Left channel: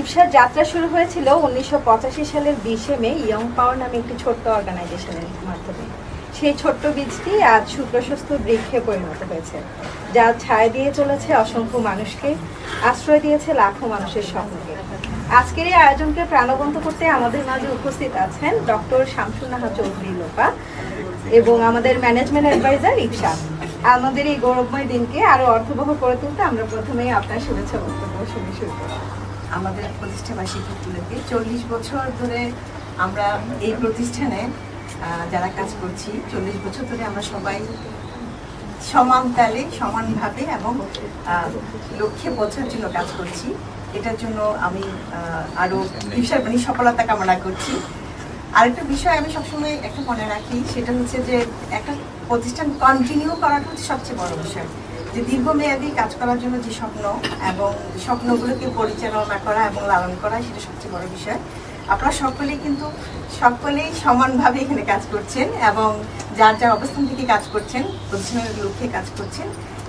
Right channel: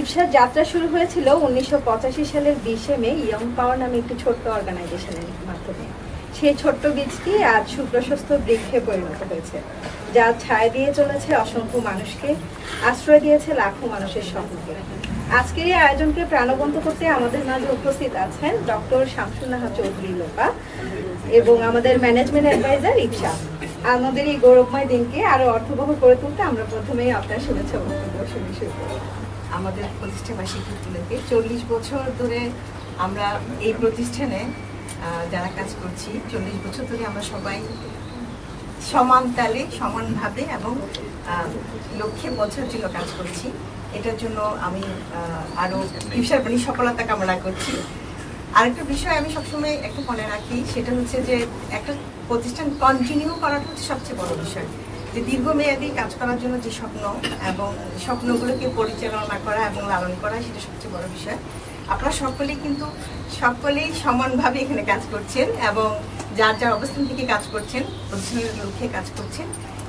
ইপসার যাত্রা শুরু হয়েছিল 1985 সালের 20 মে ইয়ং পাওয়ার নামে একটি ছোট্ট অর্গানাইজেশনের মাধ্যমে। সেই ছোট্ট বীজটি আজ সুপ্রশস্ত বৃক্ষে পরিণত হয়েছে, যা ছায়া দিয়ে চলেছে অসংখ্য মানুষকে, আশ্রয় দিয়েছে লাখো মানুষের স্বপ্নকে। আজকের এই আয়োজনকে প্রাণবন্ত করতে আমাদের মাঝে উপস্থিত আছেন ডক্টর শামসুন নাহার চৌধুরী লোপা এবং আমাদের ম্যানেজমেন্ট অ্যাডভাইজার ইপসা। আমাদের এই গৌরবময় দিনকে আরো অর্থবহ করে তুলতে আমরা প্রথমেই আপনার শুভেচ্ছা বক্তব্য শুনে শুরু করব। আমাদের প্রতিষ্ঠাবার্ষিকী উপলক্ষে 40 বছর ধরে আমরা এই প্রতিষ্ঠানে যারা কাজ করছি, 40 বছর ধরে আমরা সবাই সমান তালে সমানভাবে এবং লক্ষ্যে পৌঁছার জন্য কাজ করছি। এটার জন্য আমি আরো ইপসার সফলতা কামনা করছি। আরেকটা বিষয় আমি সবসময় একটা মনে রাখি, সেটা হচ্ছে যে একটা প্রতিষ্ঠান কন্টিনিউ করাটা হচ্ছে সবচেয়ে বড় বিষয়। যে দীর্ঘমেয়াদী কাজ করার জন্য যে স্বপ্ন এবং স্বপ্নগুলোকে পরিচালনা করা এবং লালন করা, সেটা সবচেয়ে বড় বিষয়। আপনারা সকলেই সমানভাবে এখানে কাজ করছেন এবং যার যার অবস্থান থেকে কাজ করছেন, প্রতিষ্ঠানের লক্ষ্যে কাজ করছেন।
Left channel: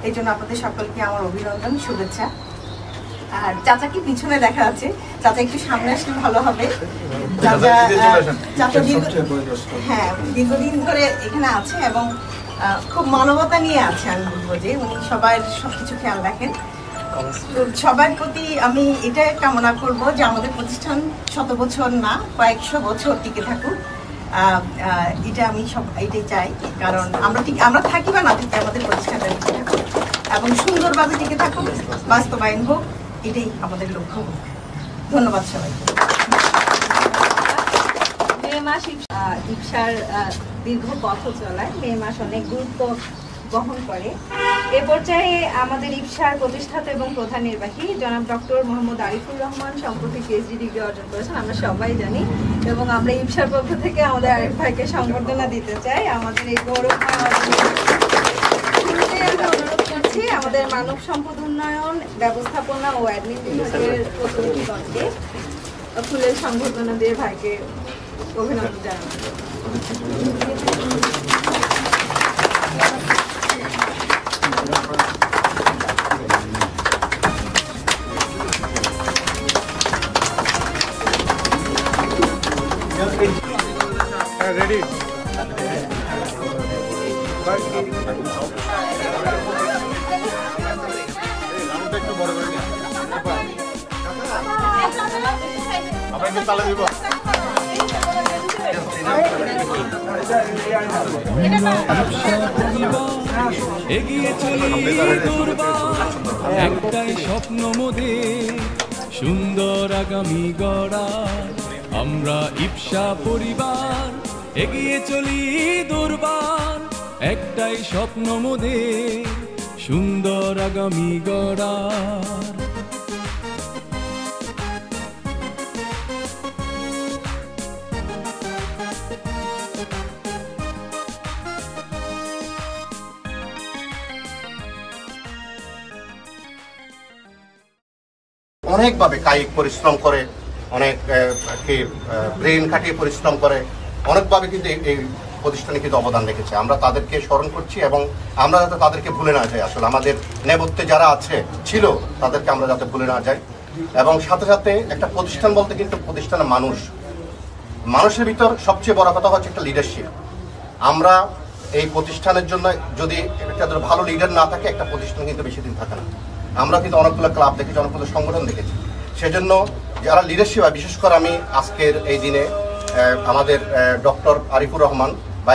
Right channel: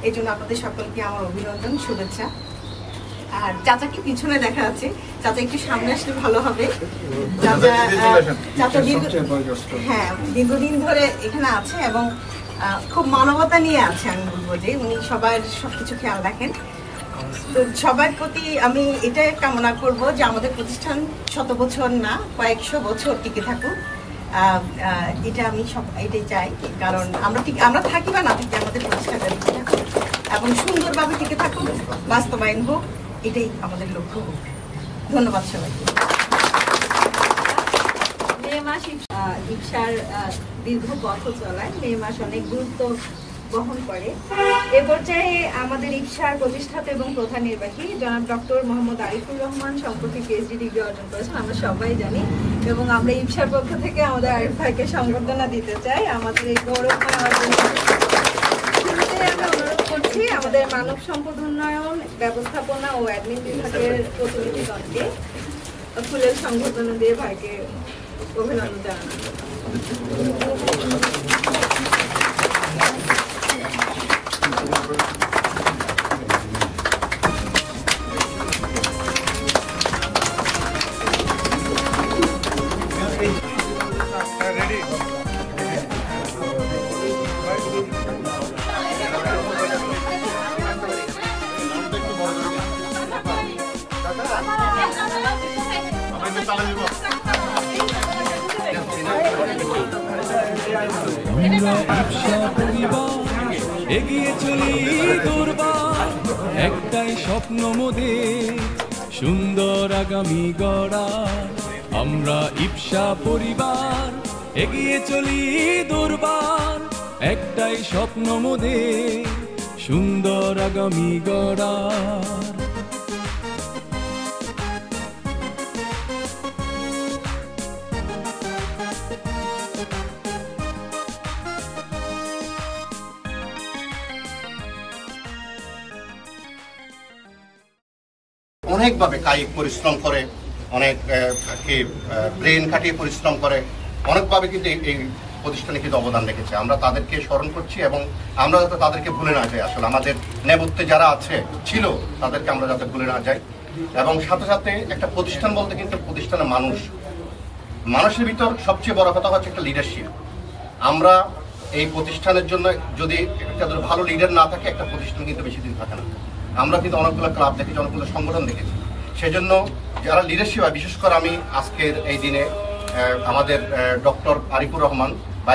এই জন্য আপনাদের সকলকে আমার অভিনন্দন, শুভেচ্ছা। আর চাচাকে পিছনে দেখা আছে, চাচা একটু সামনে আসলে ভালো হবে। চাচা দীর্ঘদিন ধরে এখানে আছে এবং খুব মানবতা নিয়ে আছে। আমি বলবো যে উনি সবার সবকিছু খেয়াল রাখেন। তো সবার প্রতি আমি এটাই কামনা করব যে আমাদের প্রতিষ্ঠান 100 বছর না, কয়েকশো বছর টিকে থাকুক। এটা আমি এটাই চাই, কারণ আমরা থাকি বা না থাকি, আমাদের প্রতিষ্ঠানটা টিকে থাকুক এবং সুন্দরভাবে টিকে থাকুক, বাস্তবায়ন হোক, এটাই আমাদের লক্ষ্য হোক। ধন্যবাদ সবাইকে। ইপসার দীর্ঘ পথ চলায় মে মাস অনেক গুরুত্ব বহন করে। এ পর্যায়ে আমাদের ইপসার প্রতিষ্ঠাতা এবং প্রধান নির্বাহী জনাব ডক্টর মোহাম্মদ আরিফুর রহমান সম্প্রতি পিএইচডি ডিগ্রি অর্জন করেছেন, আমরা সবাই জানি, এবং আমরা ইপসার পক্ষ থেকে আমাদের আরিফ ভাইকে সংবর্ধনা দিতে চাই। আমাদের এই গৌরব অনুরোধ করছি আমাদের মানব সম্পদ উন্নয়ন, ব্যবস্থাপনা ও অ্যাডমিন বিভাগের প্রতিনিধিগণকে ফুলের সংবর্ধনা দিয়ে ভাইকে অভিনন্দন জানাই। ইপসা পরিবার এগিয়ে চলি দুর্বার, একটাই স্বপ্ন মোদের সুন্দর আগামী গড়ার। আমরা ইপসা পরিবার এগিয়ে চলি দুর্বার, একটাই স্বপ্ন মোদের সুন্দর আগামী গড়ার। অনেকভাবে কায়িক পরিশ্রম করে, অনেক ব্রেন খাটিয়ে পরিশ্রম করে, অনেকভাবে কিন্তু এই প্রতিষ্ঠানে কিন্তু অবদান রেখেছে। আমরা তাদেরকে স্মরণ করছি এবং আমরা যাতে তাদেরকে ভুলে না যাই। আসলে আমাদের নেপথ্যে যারা ছিল তাদেরকে আমরা যাতে ভুলে না যাই। এবং সাথে সাথে একটা প্রতিষ্ঠান বলতে কিন্তু প্রতিষ্ঠানের মানুষের ভিতর সবচেয়ে বড় কথা হচ্ছে একটা লিডারশিপ। আমরা এই প্রতিষ্ঠানের জন্য যদি একটা ভালো লিডার না থাকে, একটা প্রতিষ্ঠান কিন্তু বেশি দিন থাকে না। আমরা কিন্তু অনেকগুলো ক্লাব দেখেছি, অনেকগুলো সংগঠন দেখেছি। সেজন্য যারা লিডারশিপ হয়, বিশেষ করে আমি আজকের এই দিনে আমাদের ডক্টর আরিফুর রহমান বা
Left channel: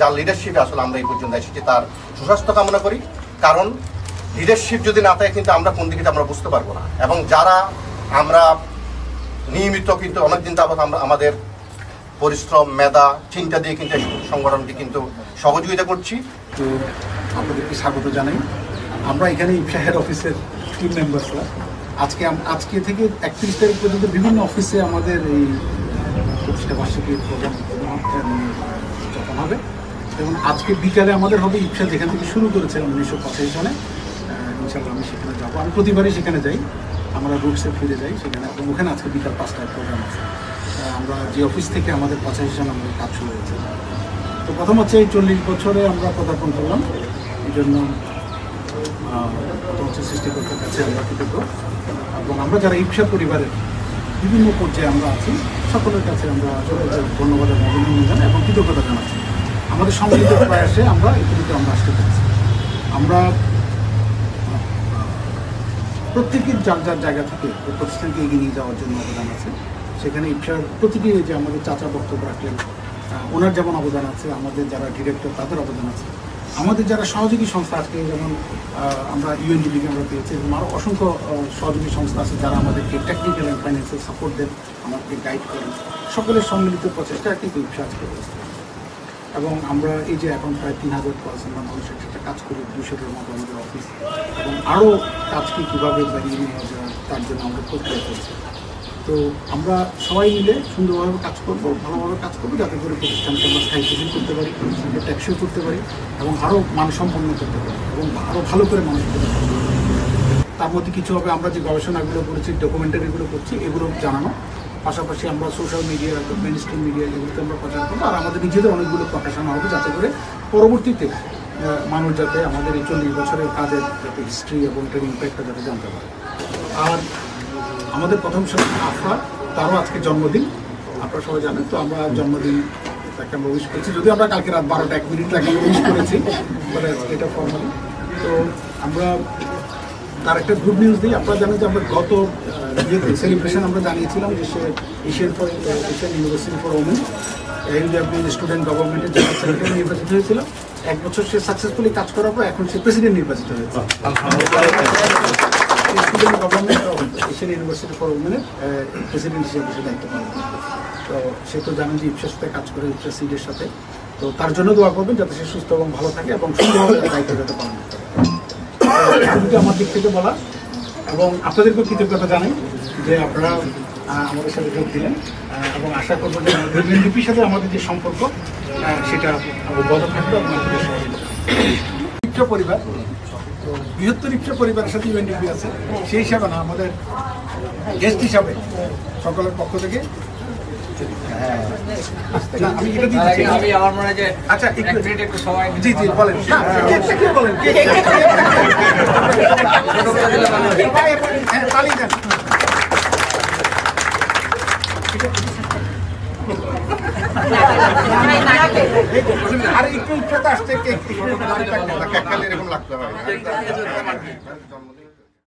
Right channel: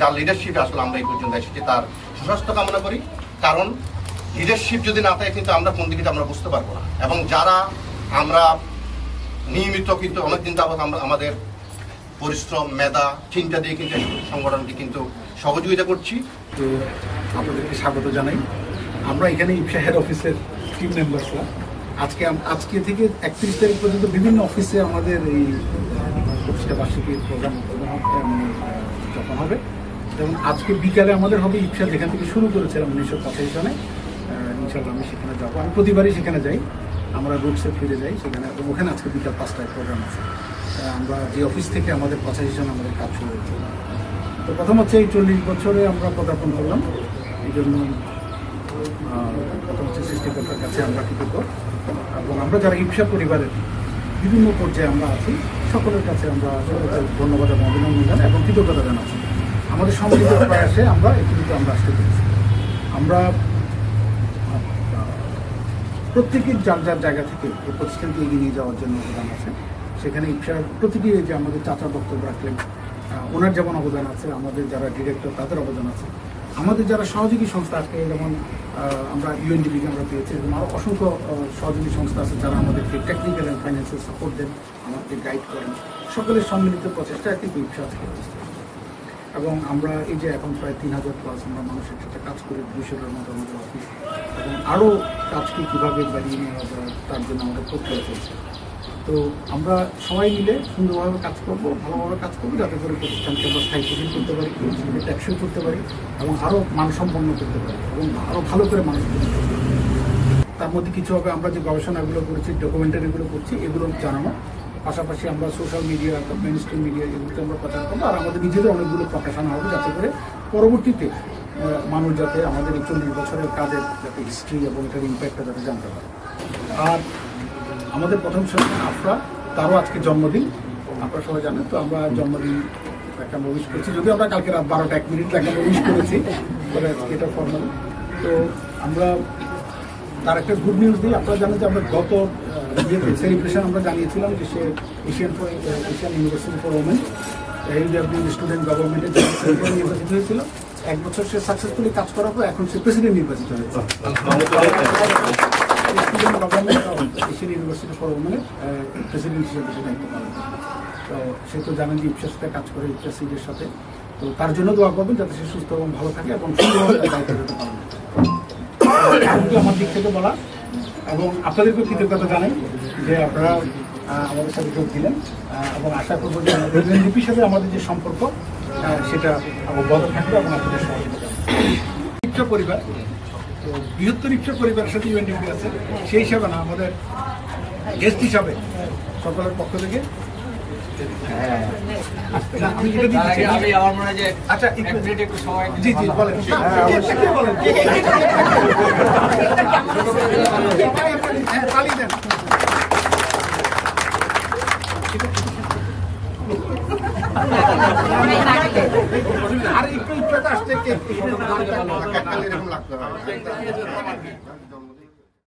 যার লিডারশিপে আসলে আমরা এই পর্যন্ত এসেছি, তার সুস্বাস্থ্য কামনা করি। কারণ লিডারশিপ যদি না থাকে কিন্তু আমরা কোন দিকে আমরা বুঝতে পারবো না। এবং যারা আমরা নিয়মিত কিন্তু অনেকদিন যাবত আমরা আমাদের পরিশ্রম, মেধা, চিন্তা দিয়ে কিন্তু সংগঠনকে কিন্তু সহযোগিতা করছি। তো আপনাদেরকে স্বাগত জানাই। আমরা এখানে ইপসা হেড অফিসের টিম মেম্বার্সরা আজকে থেকে 31 তারিখ পর্যন্ত বিভিন্ন অফিসে আমাদের এই প্রতিষ্ঠা বার্ষিকীর প্রোগ্রাম যখন হবে, এবং আজকে বিকালে আমাদের হবে ইপসা যেখান থেকে শুরু করেছিলাম 1985 সনে। ইনশাআল্লাহ আমি সেখানে যাবো। আমি প্রতিবারই সেখানে যাই, আমরা রুটসে ফিরে যাই সেখানে, এবং ওখানে আজকে বিকাল 5টায় প্রোগ্রাম আছে। আমরা যে অফিস থেকে আমাদের 85 জন আমাদের কাজ শুরু হয়েছে। তো প্রথম হচ্ছে এই 40 বছরে আমরা পদার্পণ করলাম। এই জন্য প্রথম হচ্ছে সৃষ্টিকর্তার কাছে আমরা কৃতজ্ঞ, এবং আমরা যারা ইপসা পরিবারের বিভিন্ন পর্যায়ে আমরা আছি সকলের কাছে আমরা ধন্যবাদ এবং অভিনন্দন জানাই এবং কৃতজ্ঞতা জানাচ্ছি। আমাদের সম্মিলিত প্রয়াসে আমরা এটুকু আমরা আসতে পেরেছি। আমরা প্রত্যেকের যার যার জায়গা থেকে এই প্রতিষ্ঠানকে এগিয়ে নিয়ে যাওয়ার জন্য অবদান আছে। সেখানে ইপসার প্রতিটি যে আমাদের চাচা বক্তব্য রাখলেন, ওনার যেমন অবদান আছে, আমাদের যারা ডিরেক্টর তাদের অবদান আছে, আমাদের যারা সহযোগী সংস্থা আজকে যেমন আমরা ইউএনডিপিকে আমরা পেয়েছি, এবং আরও অসংখ্য সহযোগী সংস্থা আছে যারা আমাদেরকে টেকনিক্যাল অ্যান্ড ফাইন্যান্সিয়াল সাপোর্ট দেন, আমাদেরকে গাইড করেন। সকলের সম্মিলিত প্রচেষ্টা কিন্তু ইপসা আজকে অবস্থা। এবং আমরা এই যে এখন প্রায় 3000+ আমরা মানুষ একসাথে কাজ করি, 200টার মতো আমাদের অফিস, এবং আরও কাজকে কীভাবে বাড়িয়ে নিয়ে যাওয়া তার জন্য আমাদের প্রক্রিয়া চলছে। তো আমরা সবাই মিলে সুন্দরভাবে কাজ করব, ভালোভাবে কাজ করবো, যাতে করে প্রতিষ্ঠানকে আমরা স্থায়ীশীল করতে পারি, প্রতিষ্ঠানকে টেকসই করতে পারি এবং আরও মানসম্পন্ন করতে পারি এবং আরও ভালো করে মানুষের জন্য কাজ করতে পারি। তার মধ্যে কিছু হবে আমরা যে গবেষণাগুলো করেছি, ডকুমেন্টারিগুলো করছি, এগুলো জানানো, পাশাপাশি আমরা social media, main stream media এগুলোতে আমরা প্রচার করবো, আর আমাদের নিজেদের অনেকগুলো প্রকাশনা হবে, যাতে করে পরবর্তীতে মানুষ যাতে আমাদের এই 40 বছরের কাজের যাতে হিস্ট্রি এবং এটার ইম্প্যাক্টটা যাতে জানতে পারে। আর আমাদের প্রথম আফরা, তারও আজকে জন্মদিন, আপনারা সবাই জানেন। তো আমরা জন্মদিন তাকে আমরা উইশ করছি, যদিও আমরা কালকে রাত 12টা 1 মিনিট তাকে আমরা উইশ করেছি, এটা ফর্মালি। তো আমরা তার একটা গুড নিউজ দিই। আপনারা জানেন যে আমরা গত সেলিব্রেশন আমরা জানিয়েছিলাম যে সে Asian University for Women student গভর্নমেন্টের জেনারেল সেক্রেটারি নির্বাচিত হয়েছিল। 1 বছর সে সাকসেসফুলি কাজ করার পর এখন সে প্রেসিডেন্ট নির্বাচিত হয়েছে। Student government of Asian University for ওমেনের প্রেসিডেন্ট হিসেবে সে দায়িত্ব পালন করে। তো সে তো জানেন যে ইপসার সাথে কাজ করে, ইপসা সিডের সাথে। তো তার জন্য দোয়া করবেন যাতে সে সুস্থ এবং ভালো থাকে এবং সুন্দরভাবে দায়িত্ব যাতে পালন করতে পারে। আমার দিক থেকে বলা, এবং আপনাদেরকেও কৃতজ্ঞতা জানাই যে আপনারা আমাদের সাথে যোগ দিলেন, এবং আশা করবো যে ইউএনডিপির সাথে আমাদের যে সম্পর্ক সেটা বজায় থাকবে এবং আপনাদের সহযোগিতা। ইপসা পরিবার, বৃহত্তর ইপসা পরিবারের সাথে ইউএনডিপি আছে, সেই হিসাবে না আমাদের গেস্ট হিসাবে সকলের পক্ষ থেকে আচ্ছা জি জি বলেন বলেন তালি দেন। আর একটু ইচ্ছাটা আসছে কেক এরকম লাগতে হয়।